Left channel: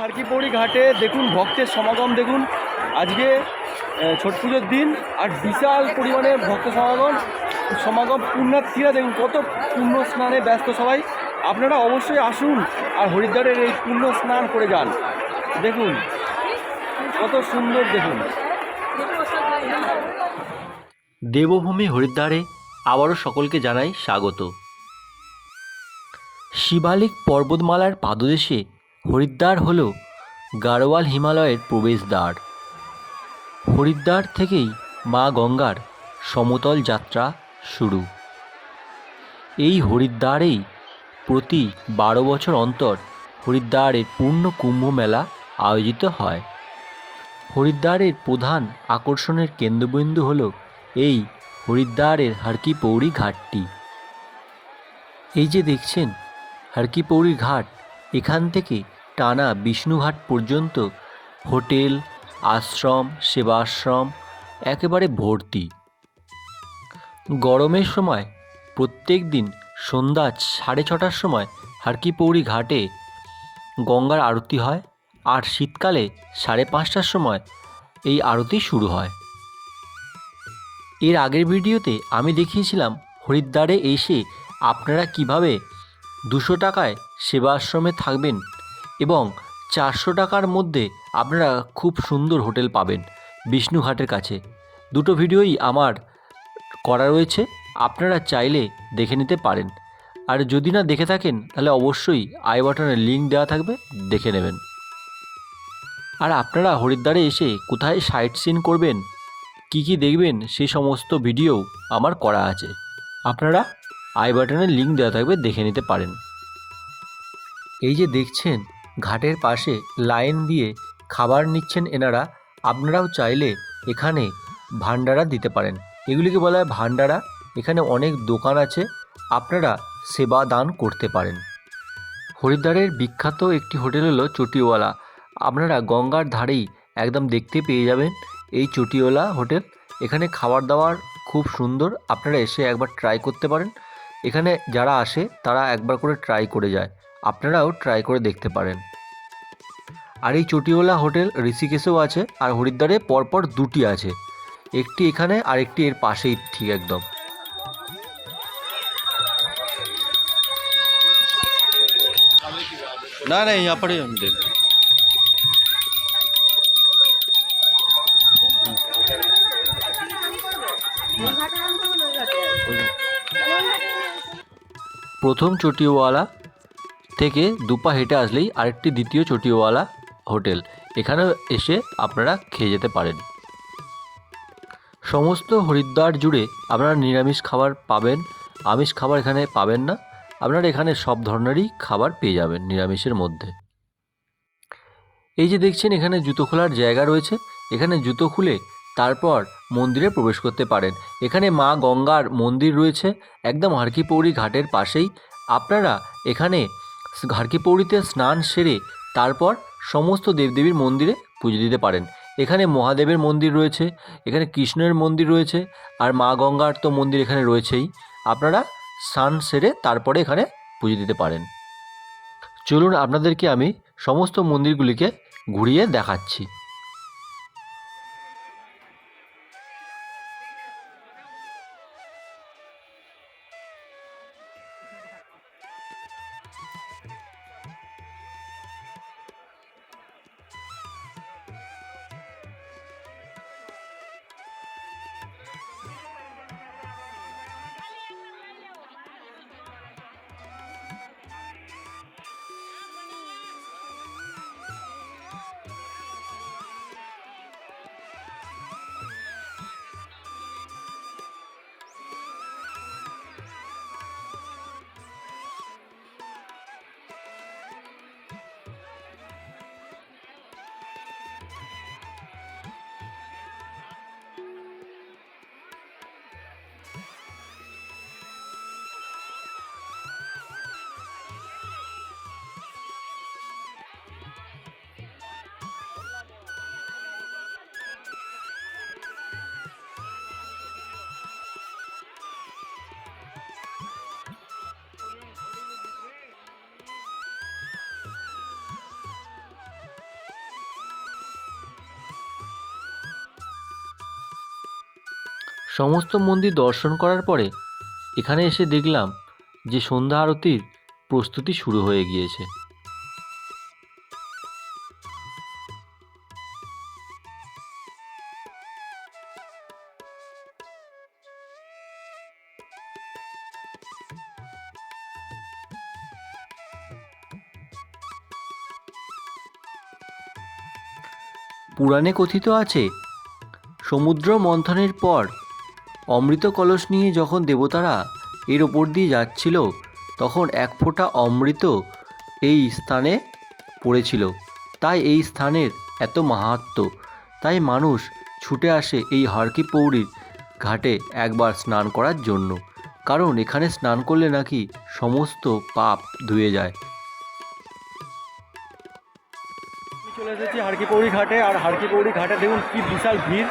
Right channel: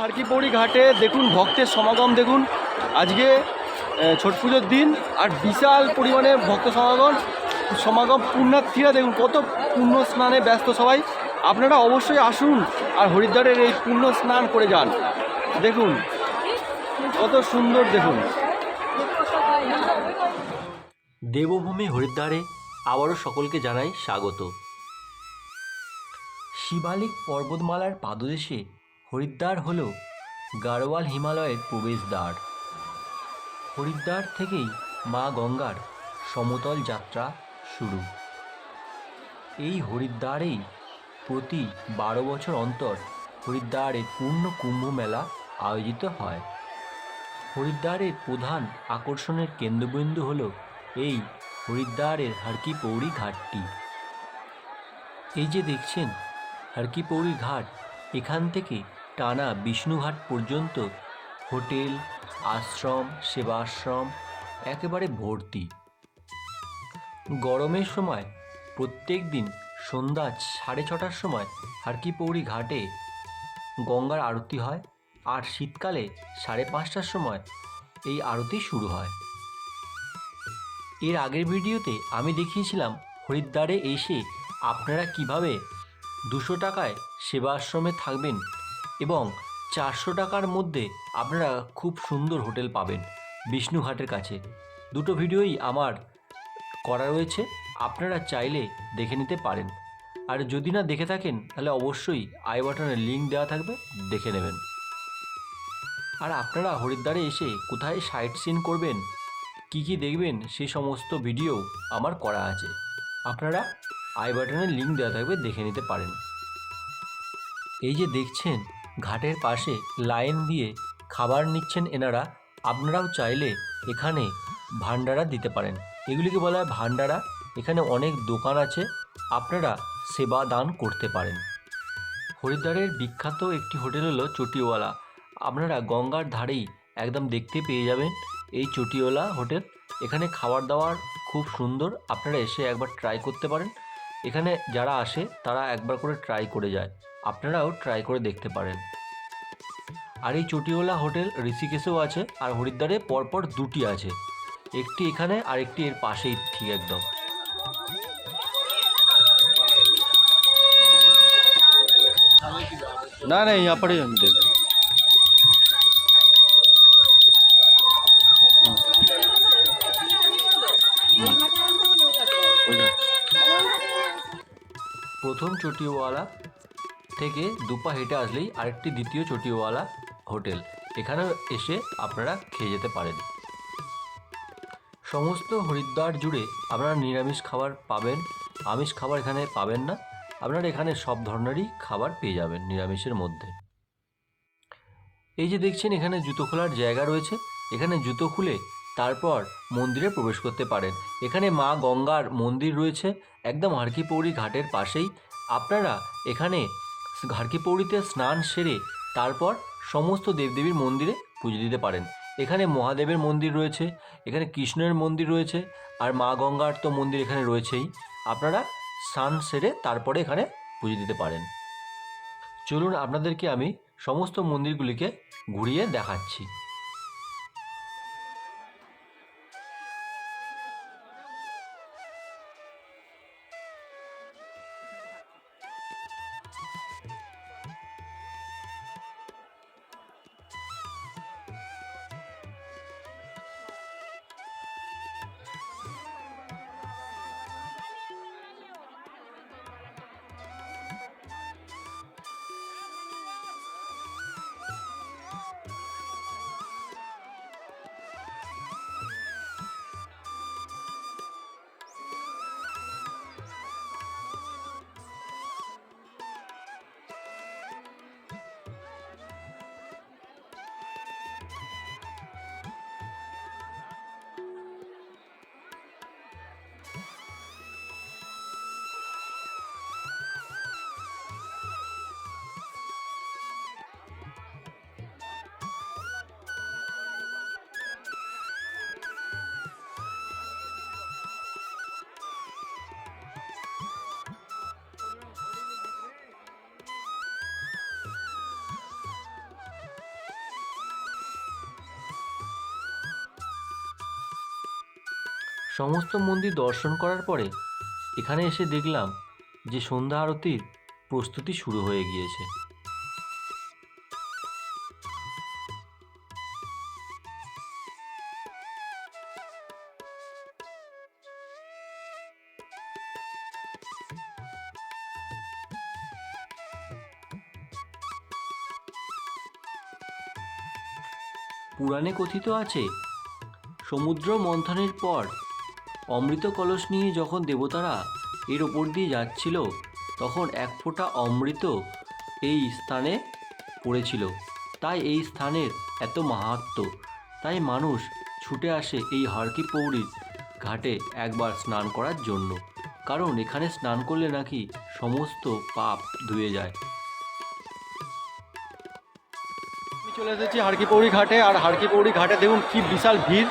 হারকিপৌড়ি ঘাটে দেখুন, ভক্তের সমাগম দেখুন। আজকে ছট পুজোর দিন, আর বিশাল পরিমাণে ভক্ত সমাগম। সমাগম পুণ্যার্থীরা দেখুন, কত পুণ্য স্নানে ব্যস্ত সবাই। আপনারা অবশ্যই আসুন আর হরিদ্বারের এই পুণ্য স্নান করে যান। দেখুন, কত সুন্দর দেখুন। দেবভূমি হরিদ্বারে আবারও সকলকে জানাই স্বাগত। শিবালিক পর্বতমালার পাদদেশে হরিদ্বার হল গাড়োয়াল হিমালয়ের প্রবেশদ্বার। হরিদ্বার থেকেই মা গঙ্গার সমতল যাত্রা শুরু। এই হরিদ্বারেই প্রতি বারো বছর অন্তর হরিদ্বারের পূর্ণ কুম্ভ মেলা আয়োজিত হয়। হরিদ্বারের প্রধান আকর্ষণের কেন্দ্রবিন্দু হল এই হরিদ্বারের হারকি পৌড়ি ঘাটটি। এই যে দেখছেন হারকি পৌড়ি ঘাট, এখান থেকে টানা বিষ্ণুঘাট পর্যন্ত হোটেল, আশ্রম, সেবাশ্রম একেবারে ভর্তি। গরমের সময় প্রত্যেক দিন সন্ধ্যা সাড়ে ছটার সময় হারকি পৌড়ি ঘাটে গঙ্গার আরতি হয় আর শীতকালে সাড়ে পাঁচটার সময় এই আরতি শুরু হয়। এর আগের ভিডিওতে আমি দেখিয়েছিলাম হরিদ্বারে এসে আপনারা কীভাবে দুশো টাকায় সেবা আশ্রমে থাকবেন এবং চারশো টাকার মধ্যে আপনারা খুব সুন্দর হোটেল পাবেন বিষ্ণুঘাটের কাছে। দুটো ভিডিওই আমার করা রয়েছে। আপনারা চাইলে দেখে নিতে পারেন। আর যদি না দেখে থাকেন, তাহলে অবশ্যই আই বাটনের লিঙ্ক দেওয়া থাকবে, দেখে নেবেন। আর আপনারা হরিদ্বারে এসে কোথায় সাইট সিন করবেন, কি কি দেখবেন সেই সমস্ত ভিডিও আমার করা আছে। আপনারা আই বাটনের লিঙ্ক দেওয়া থাকবে, দেখে নিতে পারেন। এই যে দেখছেন, ঘাটের পাশে লাইন দিয়ে খাবার নিচ্ছেন এনারা, আপনারাও চাইলে এখানে ভান্ডারা দিতে পারেন। এগুলিকে বলা হয় ভান্ডারা এখানে অনেক দোকান আছে, আপনারা সেবা দান করতে পারেন। হরিদ্বারের বিখ্যাত একটি হোটেল হলো চটিওয়ালা। আপনারা গঙ্গার ধারেই একদম দেখতে পেয়ে যাবেন এই চটিওয়ালা হোটেল। এখানে খাবার দাবার খুব সুন্দর, আপনারা এসে একবার ট্রাই করতে পারেন। এখানে যারা আসে, তারা একবার করে ট্রাই করে যায়। আপনারাও ট্রাই করে দেখতে পারেন। আর এই চটিওয়ালা হোটেল ঋষিকেশেও আছে, আর হরিদ্বারে পরপর দুটি আছে। একটি এখানে আর একটি এর পাশেই ঠিক একদম। না না यहाँ पर ही हम देख रहे हैं। প্রথম চটিওয়ালা থেকে দুপা হেঁটে আসলেই আরেকটি দ্বিতীয় চটিওয়ালা হোটেল এখানেও এসে আপনারা খেয়ে যেতে পারেন সমস্ত হরিদ্বার জুড়ে আপনারা নিরামিষ খাবার পাবেন আমিষ খাবার এখানে পাবেন না আপনারা এখানে সব ধরনেরই খাবার পেয়ে যাবেন নিরামিষের মধ্যে। এই যে দেখছেন, এখানে জুতো খোলার জায়গা রয়েছে। এখানে জুতো খুলে তারপর মন্দিরে প্রবেশ করতে পারেন। এখানে মা গঙ্গার মন্দির রয়েছে, একদম হারকিপৌড়ি ঘাটের পাশেই। আপনারা এখানে হারকিপৌড়িতে স্নান সেরে তারপর সমস্ত দেবদেবীর মন্দিরে পুজো দিতে পারেন। এখানে মহাদেবের মন্দির রয়েছে, এখানে কৃষ্ণের মন্দির রয়েছে, আর মা গঙ্গার তো মন্দির এখানে রয়েছেই। আপনারা স্নান সেরে তারপরে এখানে পুজো দিতে পারেন। চলুন আপনাদেরকে আমি সমস্ত মন্দিরগুলিকে ঘুরিয়ে দেখাচ্ছি। সমস্ত মন্দির দর্শন করার পরে এখানে এসে দেখলাম যে সন্ধ্যা আরতির প্রস্তুতি শুরু হয়ে গিয়েছে। পুরাণে কথিত আছে, সমুদ্র মন্থনের পর অমৃত কলস নিয়ে যখন দেবতারা এর ওপর দিয়ে যাচ্ছিল, তখন এক ফোঁটা অমৃত এই স্থানে পড়েছিল। তাই এই স্থানের এত মাহাত্ম্য তাই মানুষ ছুটে আসে এই হারকি পৌরির ঘাটে একবার স্নান করার জন্য। কারণ এখানে স্নান করলে নাকি সমস্ত পাপ ধুয়ে যায়। চলে এসেছি হারকিপৌড়ি ঘাটে। আর হারকিপৌড়ি ঘাটে দেখুন কি বিশাল ভিড়।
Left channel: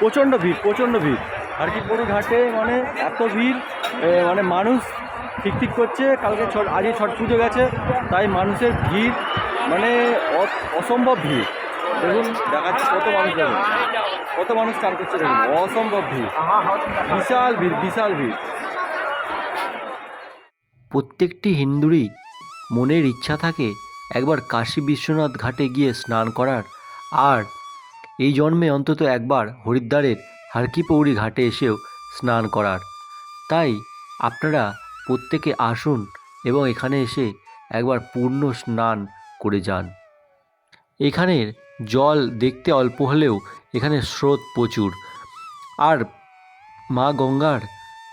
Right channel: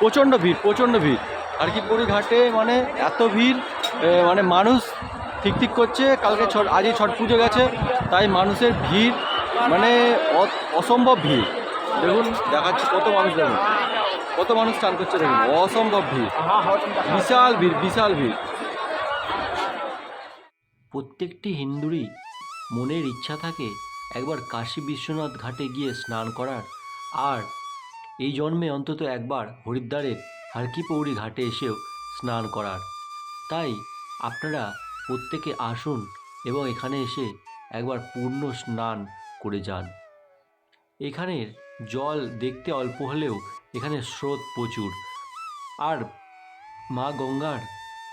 প্রচণ্ড ভিড় প্রচণ্ড ভিড়। হারকিপৌড়ি ঘাটে মানে এত ভিড় মানে মানুষ ঠিক ঠিক করছে, কালকে ছট, আজই ছট পুজো গেছে, তাই মানুষের ভিড় মানে অসম্ভব ভিড়। দেখুন, দেখাচ্ছি কত মানুষ, দেখুন। কত মানুষ চান করছে, দেখুন, অসম্ভব ভিড়। বিশাল ভিড় বিশাল ভিড়। প্রত্যেকটি হিন্দুরই মনের ইচ্ছা থাকে একবার কাশী বিশ্বনাথ ঘাটে গিয়ে স্নান করার। আর এই জন্মে অন্তত একবার হরিদ্বারের হারকিপৌরি ঘাটে এসেও স্নান করার। তাই আপনারা প্রত্যেকে আসুন এবং এখানে এসে একবার পূর্ণ স্নান করে যান। এখানের জল দেখতে অল্প হলেও এখানে স্রোত প্রচুর। আর মা গঙ্গার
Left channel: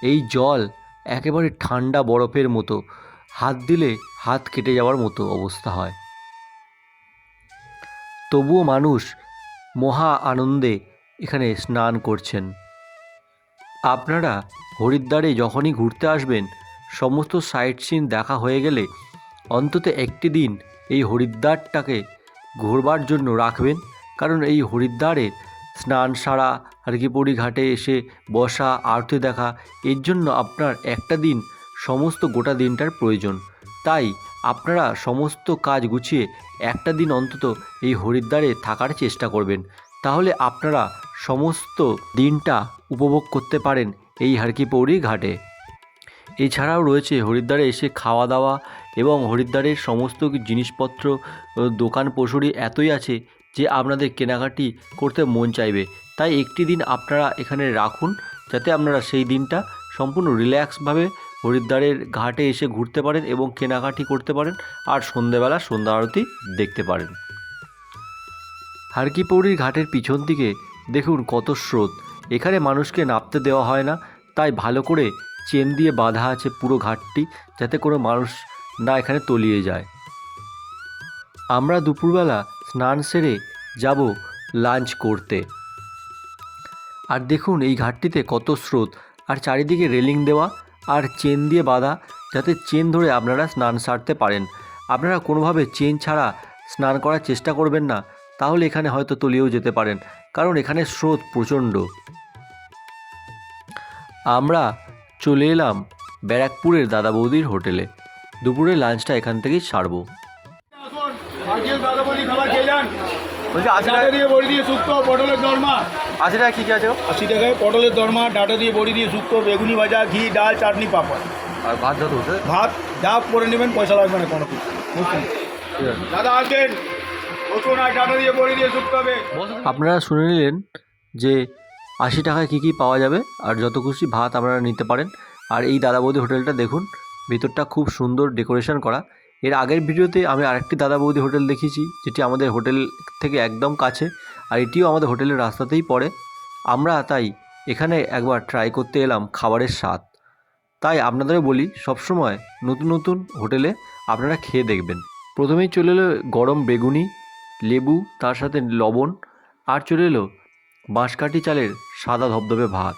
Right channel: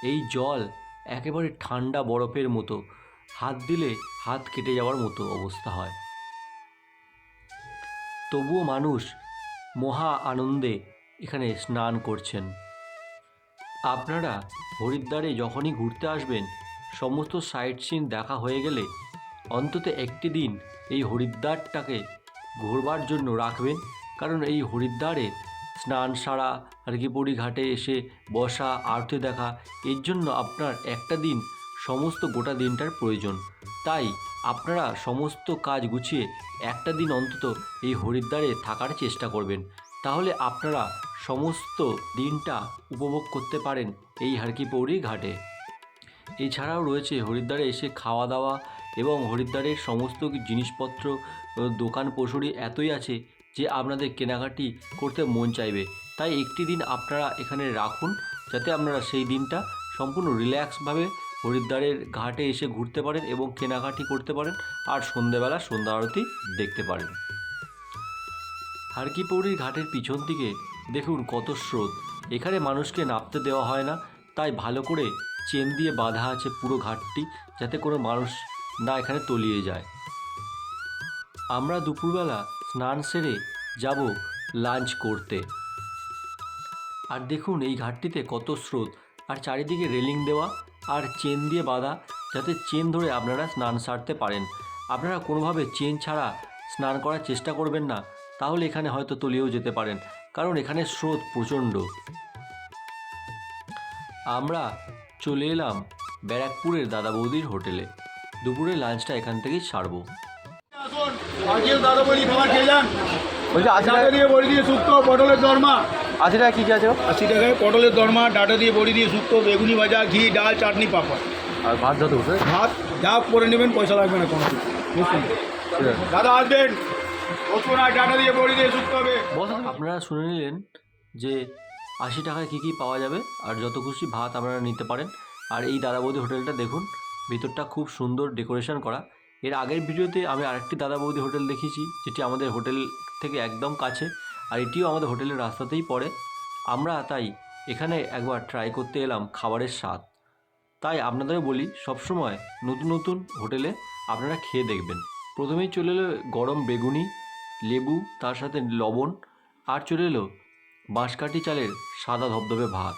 এই জল একেবারে ঠান্ডা বরফের মতো, হাত দিলে হাত কেটে যাওয়ার মতো অবস্থা হয়। তবুও মানুষ মহা আনন্দে এখানে স্নান করছেন। আপনারা হরিদ্বারে যখনই ঘুরতে আসবেন, সমস্ত সাইট সিন দেখা হয়ে গেলে অন্তত একটি দিন এই হরিদ্বারটাকে ঘোরবার জন্য রাখবেন। কারণ এই হরিদ্বারে স্নান সারা হারকিপৌড়ি ঘাটে এসে বসা, আরতি দেখা, এর জন্য আপনার একটা দিন সমস্ত গোটা দিনটার প্রয়োজন। তাই আপনারা সমস্ত কাজ গুছিয়ে একটা দিন অন্তত এই হরিদ্বারে থাকার চেষ্টা করবেন। তাহলে আপনারা সমস্ত দিনটা উপভোগ করতে পারেন এই হারকিপৌড়ি ঘাটে। এছাড়াও রয়েছে হরিদ্বারে এসে খাওয়া দাওয়া এবং হরিদ্বারের সমস্ত জিনিসপত্র দোকান পশুরি এতই আছে যে আপনাদের কেনাকাটি করতে মন চাইবে। তাই একটি দিন আপনারা এখানে রাখুন যাতে আপনারা সেই দিনটা সম্পূর্ণ রিল্যাক্সভাবে হরিদ্বারের ঘাটে এসে ঘুরতে পারেন এবং কেনাকাটি করতে পারেন আর সন্ধেবেলা সন্ধ্যা আরতি দেখতে পারেন। হারকিপৌরির ঘাটের পিছন দিকে দেখুন কত স্রোত। এখানে মানুষকে নামতে দেওয়া হয় না, তাই ভালো করে চেন দিয়ে বাঁধা আছে পুরো ঘাটটি, যাতে কোনো মানুষ না এখানে তলিয়ে যায়। আমরা দুপুরবেলা স্নান সেরে যাব লাঞ্চ করতে। আর দেখুন এই ঘাটটিতে কত স্রোত। আর চারিদিকে রেলিং দেওয়া আর চেন দিয়ে বাঁধা, যাতে চেন ধরে আপনারা স্নান সারতে পারেন। আপনারা কোনোভাবে চেন ছাড়া স্নান করার চেষ্টা করবেন না, তাহলে এখানে হয়তো তলিয়েও যেতে পারেন। কারণ এখানে স্রোত প্রচণ্ড। আমরা চলে এলাম ব্যারাকপুরের দাদা বৌদির হোটেলে। দুপুরে লাঞ্চটা এখান থেকেই আজকেও দাদা বলি খাবার খেয়ে যান। বলছি আশি টাকা দিয়ে বড়ি দিয়ে শুক্তো পটলের দরমা। আশি টাকা কী কী আছে গো? আশি টাকায় পটলের দরমা ডাটা দিয়ে বড়ি দিয়ে শুক্তো বেগুনি ভাজা ঘি ডাল চাটনি পাপড়। আর ভাত যত ভাত করে নেবেন পয়সা লাগবে না কোনো কিছু। বুঝছেন? ঠিক আছে। দাদা আসবেন। আপনারা শুনে নিলেন যে আশি টাকায় কী কী পাওয়া যাবে আর যত খুশি ভাত আপনারা নিতে পারেন। আর এই দাদা বৌদি হোটেলটা দেখুন, ভিতরটা খুব সুন্দর ডেকোরেশন করা। এর আগের ভিডিওতে আমি আরেকটি দাদা বৌদি হোটেল দেখিয়েছি, যেটি আমাদের হোটেল থেকে একদম কাছে, আর এটিও আমাদের হোটেলের রাস্তাতেই পড়ে। আমরা তাই এখানে একবার ট্রাই করতে এলাম খাবারের স্বাদ। তাই আপনাদের বলি, সবসময় নতুন নতুন হোটেলে আপনারা খেয়ে দেখবেন। প্রথমেই চলে এলো গরম বেগুনি লেবু, তার সাথে লবণ, আর চলে এলো বাঁশকাঠি চালের সাদা ধবধবে ভাত।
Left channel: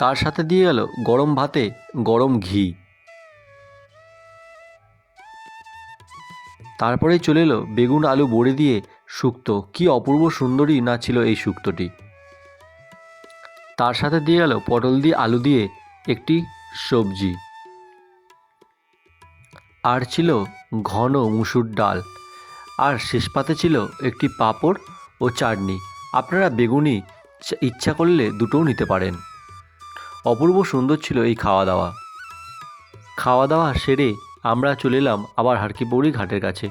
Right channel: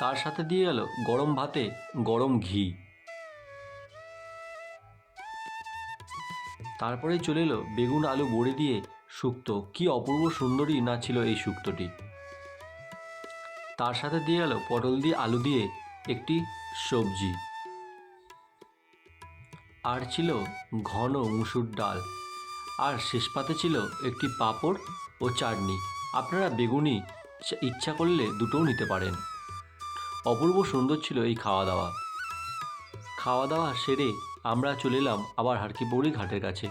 তার সাথে দিয়ে গেল গরম ভাতে গরম ঘি। তারপরে চলে এলো বেগুন আলু বড়ি দিয়ে শুক্তো। কি অপূর্ব সুন্দরী না ছিল এই শুক্তোটি। তার সাথে দিয়ে গেল পটল দিয়ে আলু দিয়ে একটি সবজি। আর ছিল ঘন মুসুর ডাল। আর শেষ পাতে ছিল একটি পাঁপড় ও চাটনি। আপনারা বেগুনি ইচ্ছা- করলে দুটোও নিতে পারেন। অপূর্ব সুন্দর ছিল এই খাওয়া দাওয়া খাওয়া দাওয়া সেরে আমরা চলে এলাম আবার হারকিপৌরি ঘাটের কাছে।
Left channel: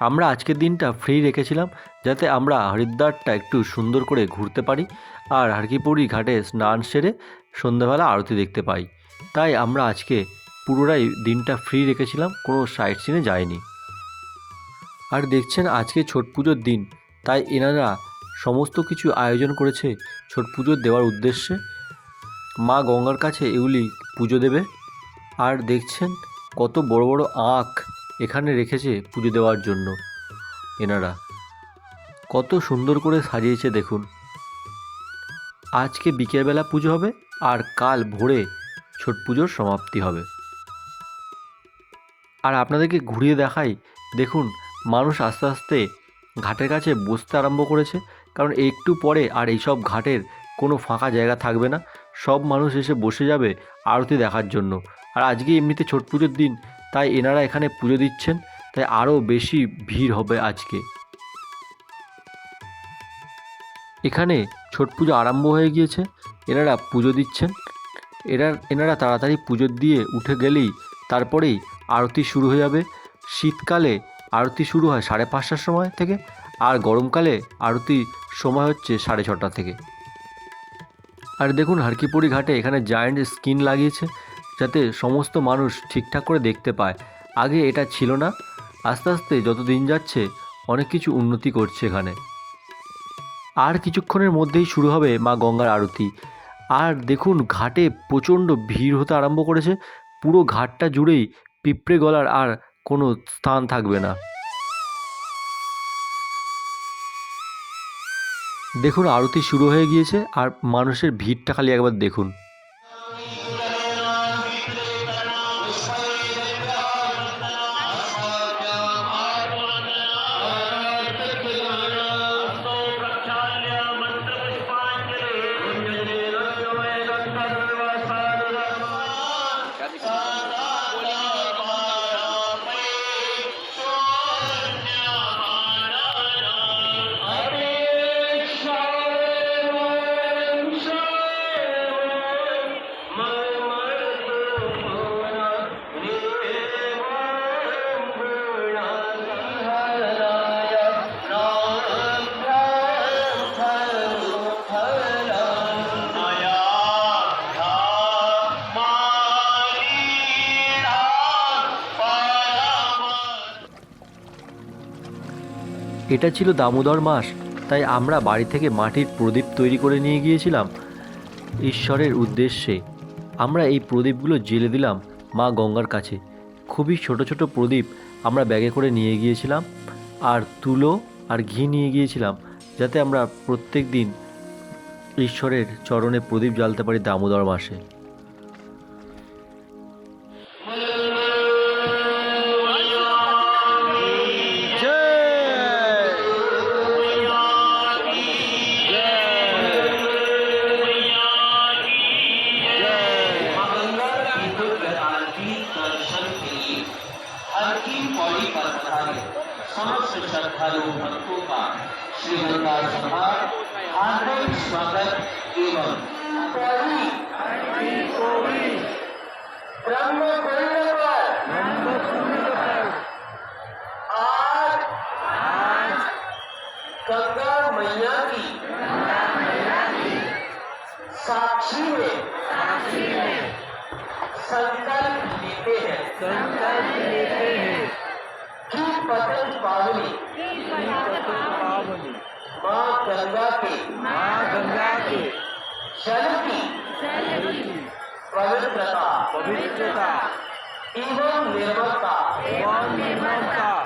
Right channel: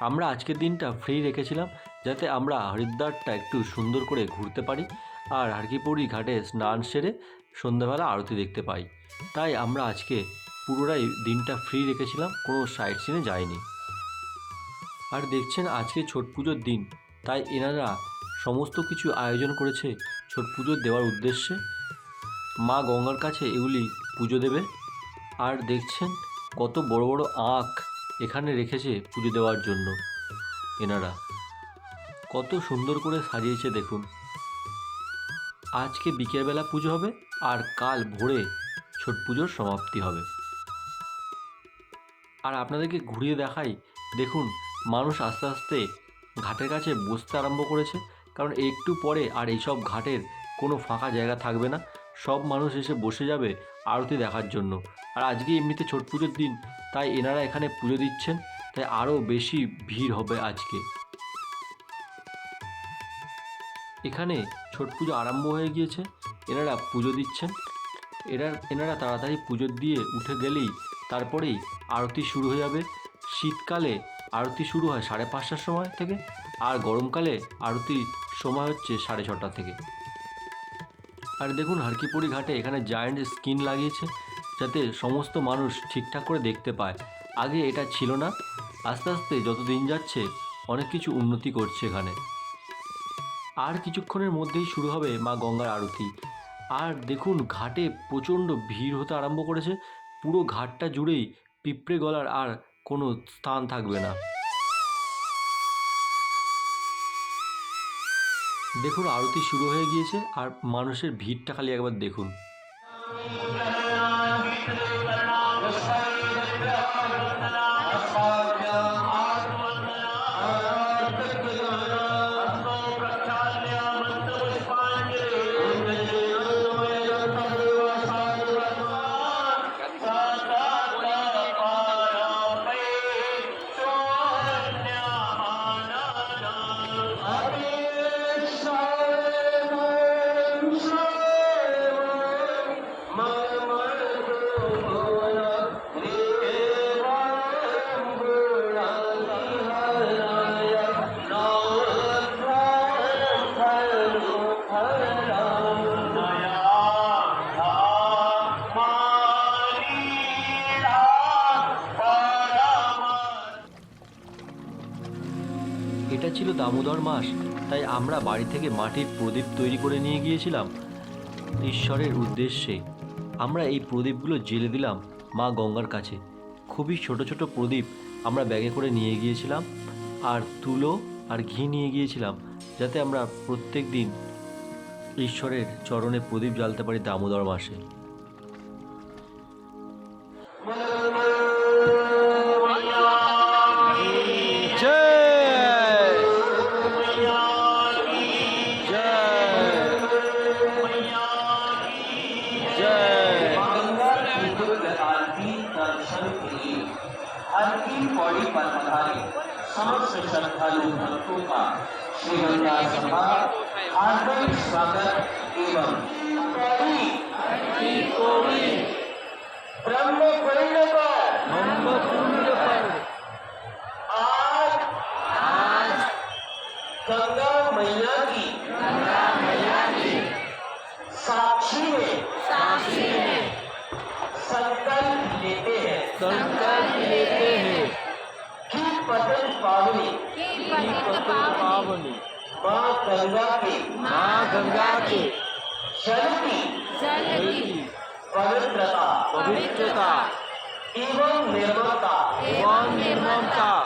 আমরা আজকের দিনটা ফ্রি রেখেছিলাম যাতে আমরা হরিদ্বারটা একটু সুন্দর করে ঘুরতে পারি আর হারকিপৌরি ঘাটে স্নান সেরে সন্ধ্যাবেলা আরতি দেখতে পাই। তাই আমরা আজকে পুরোটাই দিনটা ফ্রি রেখেছিলাম, কোনো সাইট সিনে যায়নি। আর দেখছেন আজকে ছট পুজোর দিন, তাই এনারা সমস্ত কিছু আয়োজন করেছে ছট পুজো দেওয়ার উদ্দেশ্যে। মা গঙ্গার কাছে এগুলি পুজো দেবে। আর দেখছেন কত বড় বড় আখ এখানে রেখেছে পুজো দেওয়ার জন্য এনারা। কত সুন্দর করে সাজিয়েছে দেখুন। আজকে বিকেলবেলা পুজো হবে আর কাল ভোরে ছট পুজোর সমাপ্তি হবে। আর আপনাদেরকে ঘুরিয়ে দেখাই, দেখুন, মানুষ আস্তে আস্তে ঘাটের কাছে বসতে আরম্ভ করেছে। কারণ একটু পরে আর এইসব ঘাটের কোনো ফাঁকা জায়গা থাকবে না। সব মানুষ এসে বসে যাবে আরতি দেখার জন্য। আর আজকে এমনিতে ছট পুজোর দিন, তাই এনারা এখানে পুজো দিচ্ছেন। তাই আরও বেশি ভিড় হবে আজকে। এখানে ছট পুজো আরম্ভ হয়ে গিয়েছে। এনারা পুজো দিচ্ছেন। এরা, এনারা তাড়াতাড়ি পুজো দিয়ে উঠে গেলেই তারপরেই আরতি শুরু হয়ে যাবে। শীতকালে আরতি শুরু হয় সাড়ে পাঁচটার সময় থেকে আর গরমকালে আরতি সময় হচ্ছে সাড়ে ছটা থেকে। আর দেখুন হারকিপুরি ঘাটে এখানে জায়েন্ট স্ক্রিন লাগিয়েছে যাতে সমস্ত মানুষ ঠিকঠাক করে দেখতে পায়। আগে এটা ছিল না। আস্তে আস্তে যত দিন যাচ্ছে অনেক কিছু উন্নতি করছে এখানে। আর কিছুক্ষণের মধ্যেই শুরু হবে মা গঙ্গার আরতি। আর দেখুন ঘাটে প্রচণ্ড ভিড় হতে আরম্ভ করেছে। পুরো ঘাটটা জুড়েই পিঁপড়ে গলার আর কোনো স্থান থাকবে না। দেখুন, আরতি শুরু হয়ে গিয়েছে আর মানুষের ভিড়টা খালি একবার দেখুন। এটা ছিল দামোদর মাস, তাই আমরা বাড়ি থেকে মাটির প্রদীপ তৈরি করে নিয়ে গিয়েছিলাম ঈশ্বরের উদ্দেশ্যে। আমরা এই প্রদীপগুলো জেলে দিলাম মা গঙ্গার কাছে। খুবই ছোট ছোট প্রদীপ আমরা ব্যাগে করে নিয়ে গিয়েছিলাম, আর তুলো আর ঘি নিয়ে গিয়েছিলাম, যাতে আমরা প্রত্যেক দিন ঈশ্বরের চরণে প্রদীপ জ্বালতে পারি দামোদর মাসে। गंगा मैया की। गंगा मैया की साक्षी में। साक्षी में संकल्प लेते हैं। संकल्प लेते हैं कि पतन पावनी। कि पतन पावनी। माँ गंगा के। माँ गंगा के। जल की जल की पवित्रता। पवित्रता। एवं निर्मलता एवं निर्मलता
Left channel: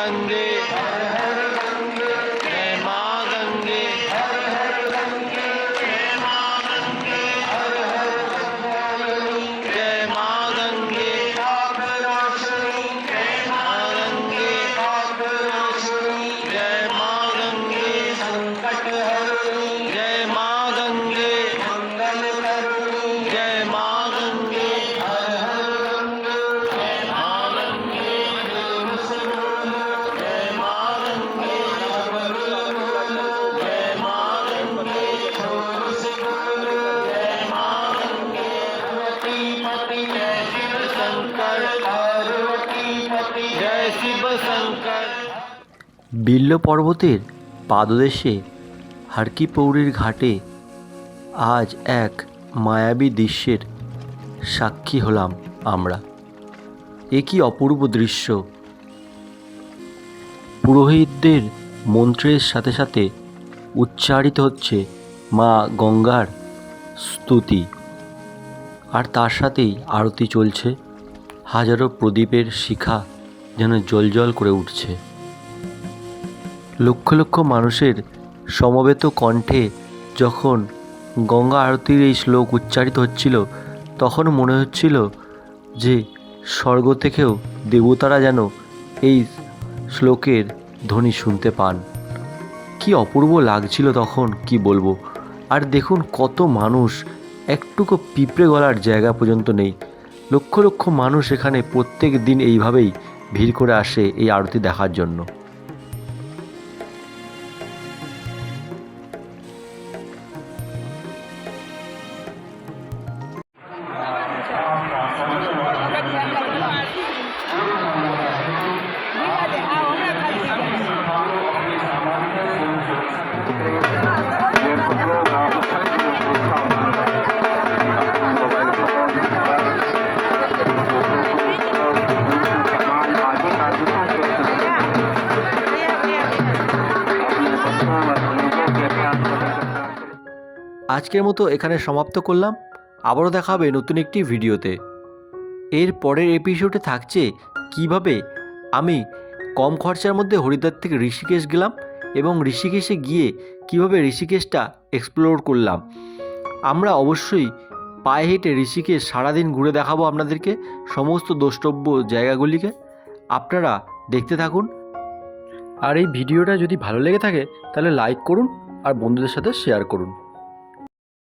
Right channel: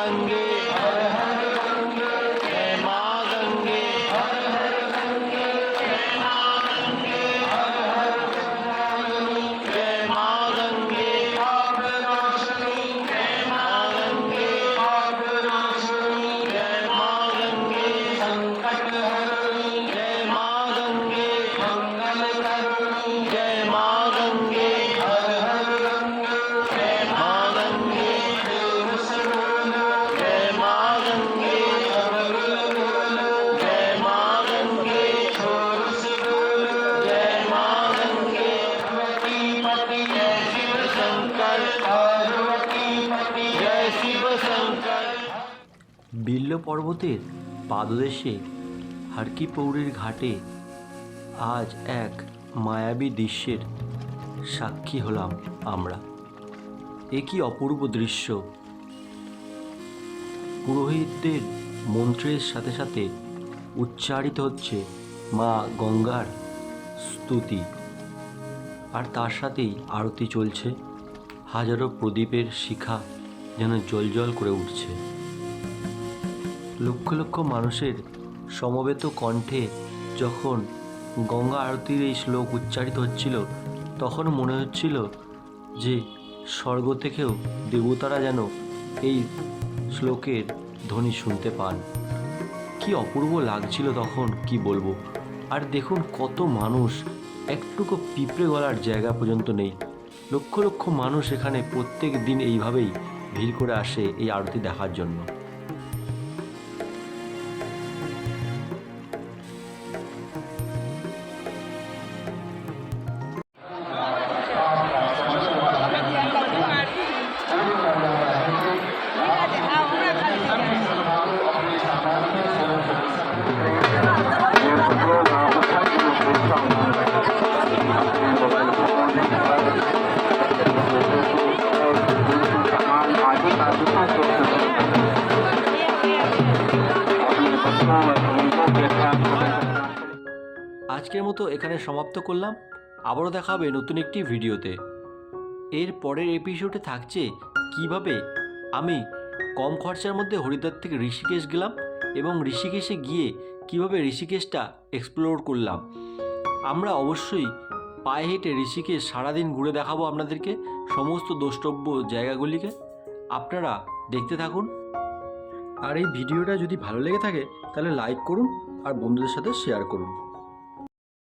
Sunday. বিল্ল পর্বতের পাদদেশে হারকি পৌরির ঘাটে আজ এক মায়াবী দৃশ্যের সাক্ষী হলাম আমরা। এ কি অপূর্ব দৃশ্য? পুরোহিতদের মন্ত্রের সাথে সাথে উচ্চারিত হচ্ছে মা গঙ্গার স্তুতি। আর তার সাথেই আরতি চলছে, হাজারো প্রদীপের শিখা। যেন জলজল করে উঠছে। লক্ষ লক্ষ মানুষের সমবেত কণ্ঠে যখন গঙ্গা আরতির এই শ্লোক উচ্চারিত হচ্ছিল, তখন মনে হচ্ছিল যে স্বর্গ থেকেও দেবতারা যেন এই শ্লোকের ধ্বনি শুনতে পান। কি অপূর্ব লাগছিল তখন, কি বলব? আর দেখুন কত মানুষ, একটুকু পিঁপড়ে গলার জায়গা পর্যন্ত নেই। লক্ষ লক্ষ মানুষ এখানে প্রত্যেক দিন এইভাবেই ভিড় করে আসে এই আরতি দেখার জন্য। আজকের মতো এখানে সমাপ্ত করলাম। আবারও দেখা হবে নতুন একটি ভিডিওতে। এর পরের এপিসোডে থাকছে কীভাবে আমি কম খরচার মধ্যে হরিদ্বার থেকে ঋষিকেশ গেলাম এবং ঋষিকেশে গিয়ে কীভাবে ঋষিকেশটা এক্সপ্লোর করলাম। আমরা অবশ্যই পায়ে হেঁটে ঋষিকেশ সারাদিন ঘুরে দেখাবো আপনাদেরকে সমস্ত দ্রষ্টব্য জায়গাগুলিকে। আপনারা দেখতে থাকুন। আর এই ভিডিওটা যদি ভালো লেগে থাকে, তাহলে লাইক করুন আর বন্ধুদের সাথে শেয়ার করুন।